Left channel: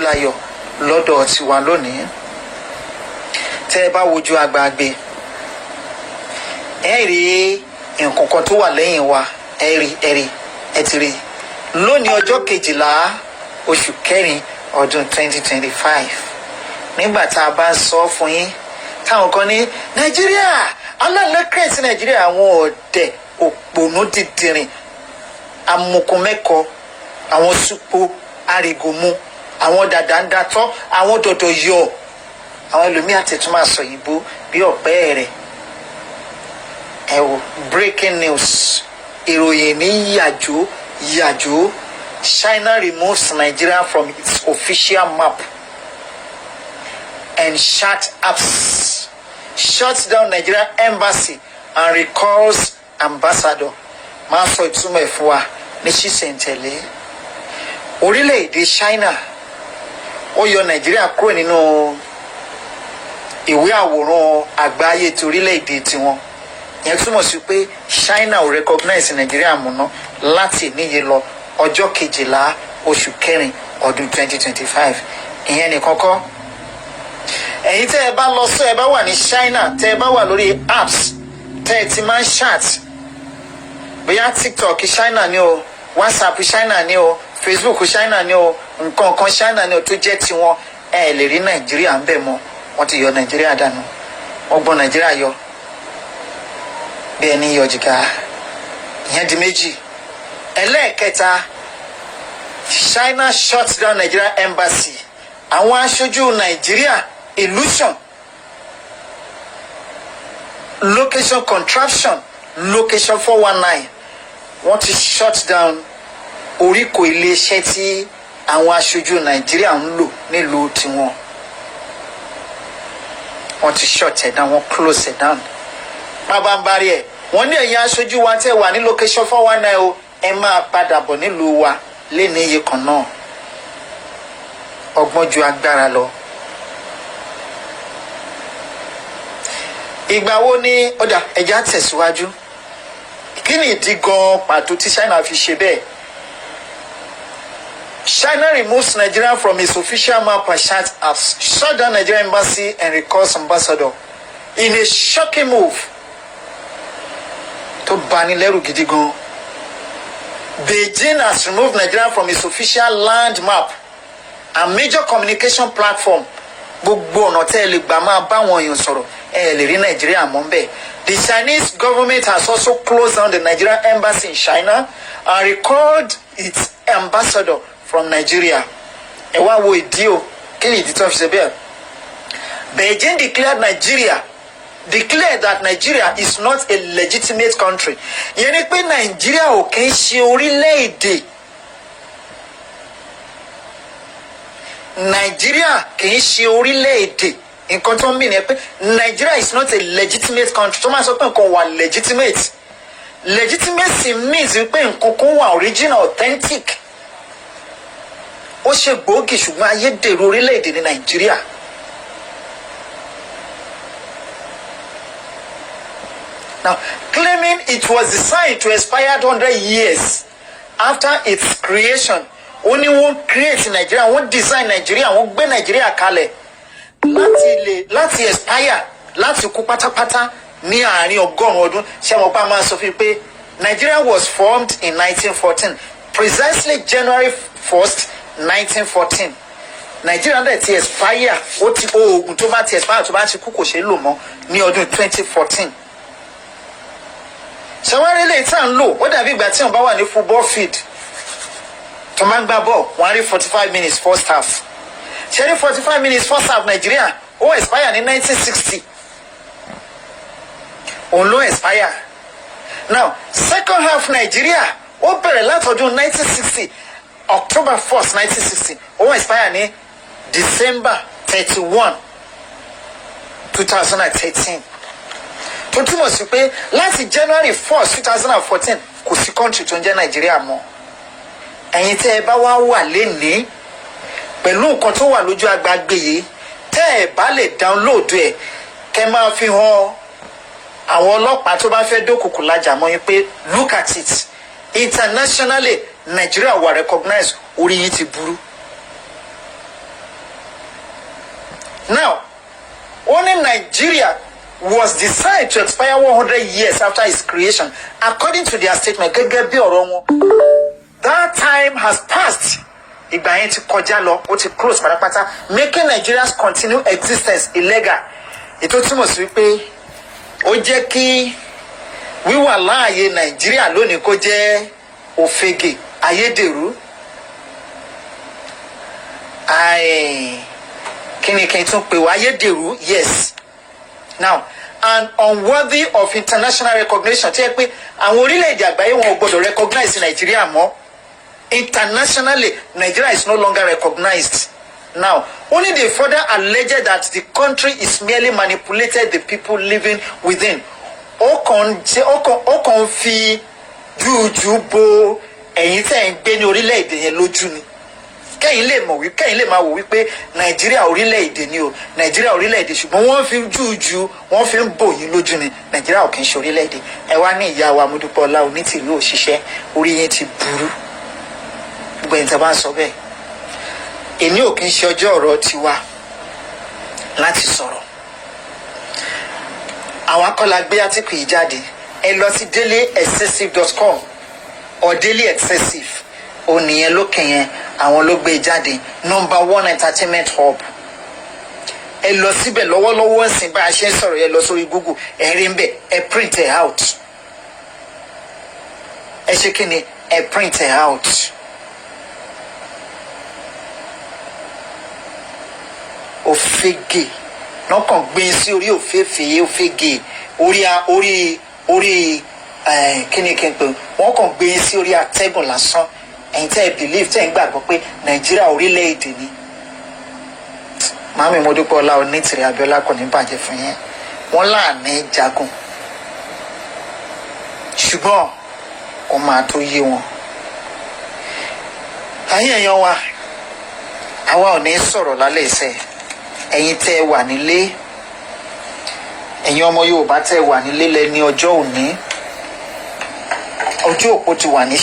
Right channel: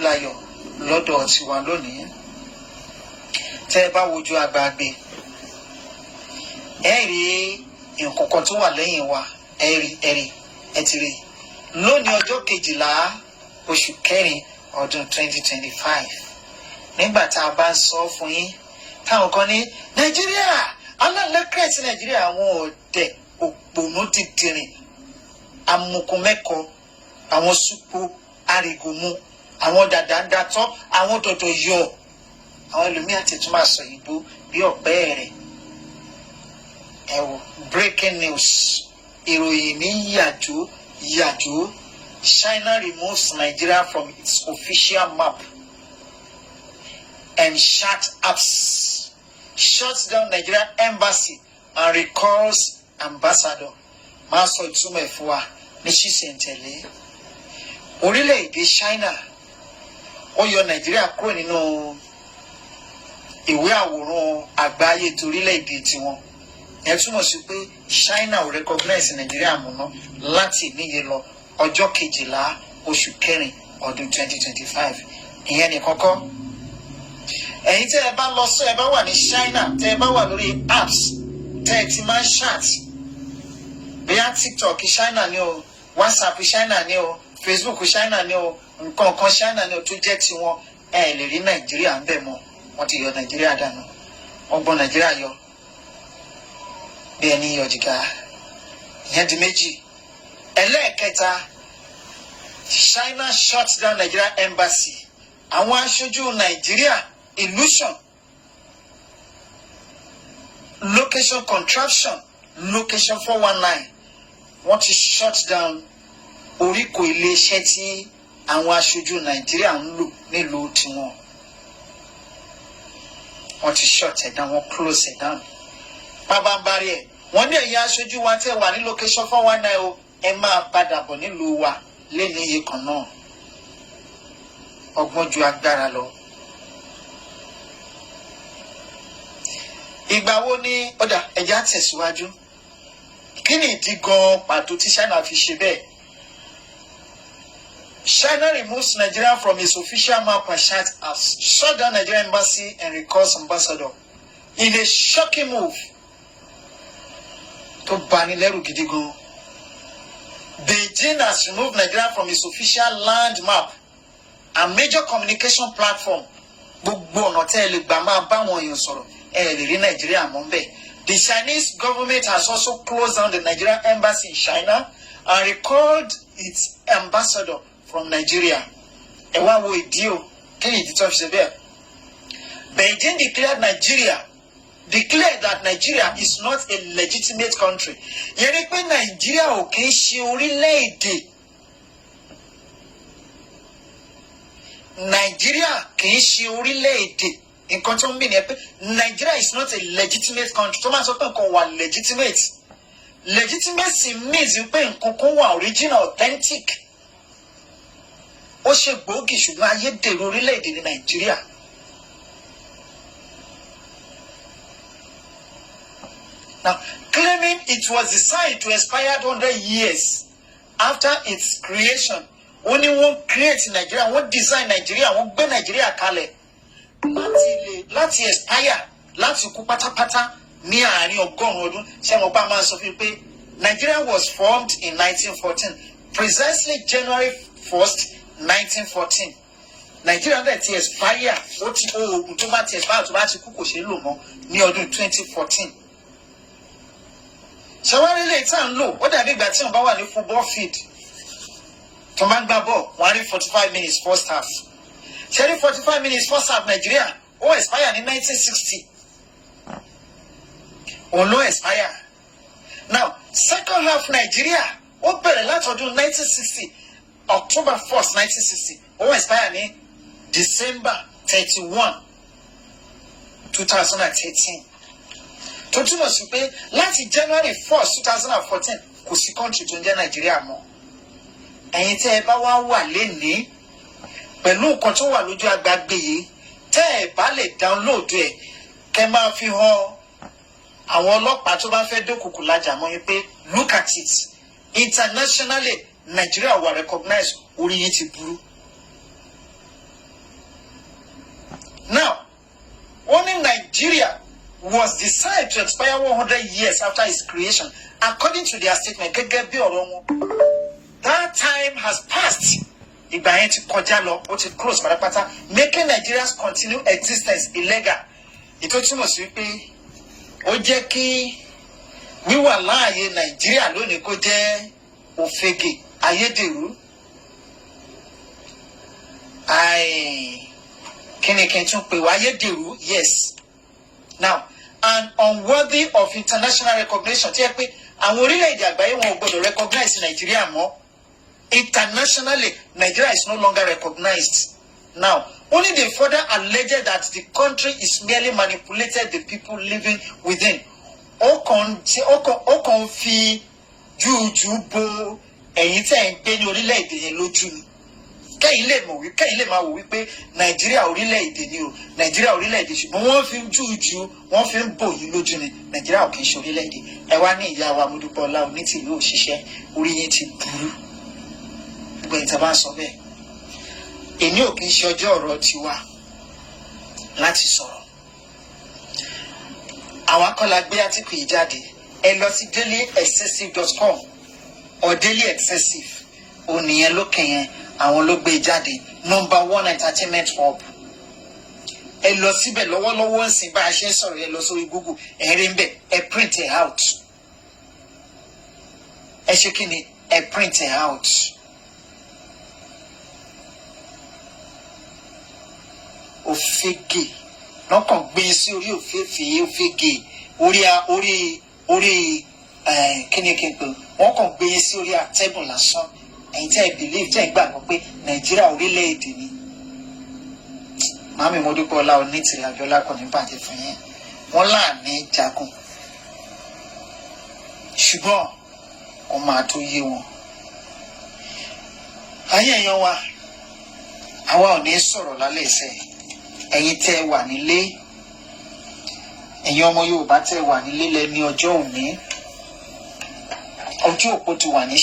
Layọ lọ́dọ̀ tiwa lónìí. Tẹ́ ẹ bá wojú agbágbé ẹ rí nǹkan kan tó wà lẹ́yìn wa, ẹ ti rí lónìí ọjọ́ 12 oṣù kẹrin ọdún 2025. Nígbà tá a bá sọ fún yín táwọn kan ní Nàìjíríà alálẹ́kẹ̀ẹ́sì Nàìjíríà, àwọn ọ̀dẹ̀ òpònú dídìrín amukumẹ́kọ, àwọn súpó àrìgòmù, àwọn dàdà ń datọ́, àwọn dọ̀dọ̀ yọ, àwọn ẹlòmíà tẹ̀tún máa sọ ìbò bí ọ̀pẹ́ rẹ̀. Ẹ wo breaking news, ìròyìn ní yàjò. China removes Nigeria from its official map and shuts down Nigeria embassy and recalls ambassador. Máa sọ ìtumọ̀ ẹ̀ fún wa ní ṣísẹ̀ntẹ̀lé. Orílẹ̀-èdè China ó yọ Nàìjíríà kúrò nínú ìwé àwòrán àgbáyé ti orílẹ̀-èdè tiwọn. Ìyẹn túmọ̀ sí pé China ò recognize Nàìjíríà múná láti níye lọ ọjọ́ 12 oṣù kẹrin ọdún 2025. Ìyẹn nìkan kọ́. Ẹ̀yin tẹ́ ẹ bá lọ sọ ẹ bá wà ní China, tẹ́ ẹ bá wà lórí apps tẹ́ ẹ ti máa ń chat, bóyá TikTok China ni o, WhatsApp China ni o, Facebook China ni o, nǹkan kan China ni o tó jẹ́ tiwọn, ẹ lè rí Nàìjíríà ń bẹ̀ mọ́. Wọ́n ti yọ Nàìjíríà dànù, wọ́n gbọ́n Nàìjíríà yọ bí ẹni yọ jìgá. Ìyẹn di méjì. Ẹlẹ́ẹ̀kẹta, China shuts down Nigeria embassy. Àwọn aṣojú Nàìjíríà illusion, location contraption, location 419, wọ́n ti shut down oríkò iléeṣẹ́ tí àwọn aṣojú Nàìjíríà ń lò nílùú tiwọn. Wọ́n ti shut it down, wọ́n close it down. Pàbàmbarì ẹ̀, wọ́n ní ẹ̀yin aṣojú wa tẹ́ wà ní location 419 o, ẹ máa padà bọ̀ nílùú wa léni iye kan náà. Ọgbọ́n ju agbára lọ. Ìgbà wo ni ọ̀dà ẹ̀já tẹ̀síwájú? Kí ni ìdí gan pàtó tí China fi ṣe bẹ́ẹ̀? China removes Nigeria from its official map and shut down Nigerian embassy and recalls ambassador in a shocking move tó bani lẹ́rù gidi gan. Beijing has removed Nigeria from its official land map and major communication platform. Gbogbo ọ̀nà tẹ́ ẹ lè gbà máa bá wọn èèyàn sọ̀rọ̀ ẹ lè rí Nàìjíríà mọ́ bẹ́ẹ̀. The Chinese government has also closed down the Nigerian embassy in China and recalled its ambassador from Nigeria. Ẹ wá wo ìdí o, kí ni ìdí tó fi ṣe bẹ́ẹ̀? Beijing declared that Nigeria is not a legitimate country. Ìyẹn ni pé Nàìjíríà ò kì í ṣe orílẹ̀-èdè. Nàìjíríà kì í ṣe orílẹ̀-èdè. Nǹkan tó ń mì ní pé Nigeria is not a legitimate country. Tó máa sọ pé nǹkan wà legitimate. Legitimacy means pé nǹkan kan wà original, authentic. Ó ṣe gbòógì ṣùgbọ́n ayédèrú orílẹ̀-èdè ní Nàìjíríà. Now, claiming it was designed to expire 100 years after its creation, only one create Nigeria, one design Nigeria, one gbé Nigeria kalẹ̀ láti expire, láti kú pátápátá ní àárín ọgọ́rùn-ún ọdún. Ṣé mo pa máa sọ fún pé Nigeria was formed in 1914, precisely January 1st, 1914. Nigeria dẹ̀ ti expire, ó ti oògùn tó bá ti expire tó bá ti kú kò ṣeé lò mọ́ ní ọdún 2014. So wọ́n rí lè tàn lò ó dàbí ìgbà tí wọ́n bá wà ní football field tó máa ń gbá ball wọ́n rí 45 minutes first half. Ṣé rí 45 minutes first half Nigeria ó expire ní 1960. Òun ló expire. Now second half Nigeria ó bẹ̀rẹ̀ látọdún 1960 October 1st 1960 ó expire ní December 31, 2013. Tó túmọ̀ sí pé láti January 1st 2014 kò sí country tó ń jẹ́ Nàìjíríà mọ́. Ẹ̀yin tẹ́ ẹ bá wá wà lénìí pẹ̀lú nǹkan tó wà lójú agbágbé yìí, tẹ́ ẹ bá lè download ẹ̀ kẹ́ máa fi hàn àwọn ọlọ́pàá tó bá fẹ́ dókòkò lájà mọ́ yín pé look at it internationally Nigeria were recognized, orí yín ti burú. Now, only Nigeria was decided to expire 100 years after its creation, according to their statement. That time has passed. Ìgbà yẹn ti kọjá lọ, ó ti close pátápátá, making Nigeria's continued existence illegal. Ètò túmọ̀ sí pé ó jẹ́ kí wíwà láàyè Nàìjíríà lónìí kó jẹ́ òfegè, ayédèrú. Kíni kí n tún pè wá ayédèrú? Yes. Now, and unworthy of international recognition. Tí ẹ pé àwọn orílẹ̀-èdè àgbáyé wọn ò gbọdọ̀ recognize Nàìjíríà mọ́. Internationally, Nigeria is no longer recognized. Now, only they further alleged that the country is merely manipulated the people living within. Ó kàn fi jújú bo ẹ̀yin tẹ́ ń gbé ní orílẹ̀-èdè yẹn lójú ni. Kẹ́yìn lè máa wò wípé Nàìjíríà orílẹ̀-èdè ni o, Nàìjíríà orílẹ̀-èdè, ṣùgbọ́n wọ́n fi jújú, wọ́n fi ń bò yín lójú ni. Nàìjíríà ò kì í ṣe orílẹ̀-èdè. Ẹ wá ní ìyá wa Modúpẹ́ọlá Onítìlú òṣìṣẹ́, orí yẹn ti burú. Gbogbo ẹ̀yin tí a bá ń sọ bẹ́ẹ̀. Èmi ò kì í ṣe ọjọ́ ọ̀rọ̀ tiwa láti sọ̀rọ̀. Àwọn akọ́lá gbé átíkù yìí jáde. Ẹ lọ sí dailyexcessive.com or dailyexcessive. Ònìyẹn lókè yẹn àwọn ló gbé jáde. #1 entertainment hub. Ẹ lọ síbẹ̀ lọ́wọ́lọ́wọ́ ńsìn bá a ṣe ń sọ̀rọ̀ yẹn lọ sórí Google. Ẹ rí ń bẹ̀, ẹ print it out. Ẹ ṣe kí ni? Ẹ print it out. Òfegè lọ́kàn gbé sí orí òfegè orí kíni kí n pè wọ́n kàn gbé sí orí atẹ́gùn lásán. Ẹ̀yin tẹ́ ẹ believe tẹ́ ẹ ń gbàgbọ́ pé Nàìjíríà orílẹ̀-èdè ni. Màámi Modúpẹ́ọlá Onítìrí Abíọ́lá kò ní bàjẹ́ fún yẹn. Wọ́n láàánú jagun, ṣùgbọ́n kò máa tó yé wọn. Ẹ̀yin èèyàn wa, àwa ò ní sọ̀rọ̀ lálẹ́ ìṣẹ́. Ẹ̀yin tẹ́ ẹ wà nílé, ẹ̀yin ọmọ Yorùbá tẹ́ ẹ wà nílé lẹ́ni ọjọ́ òní, ọjọ́ òpó ti wà ní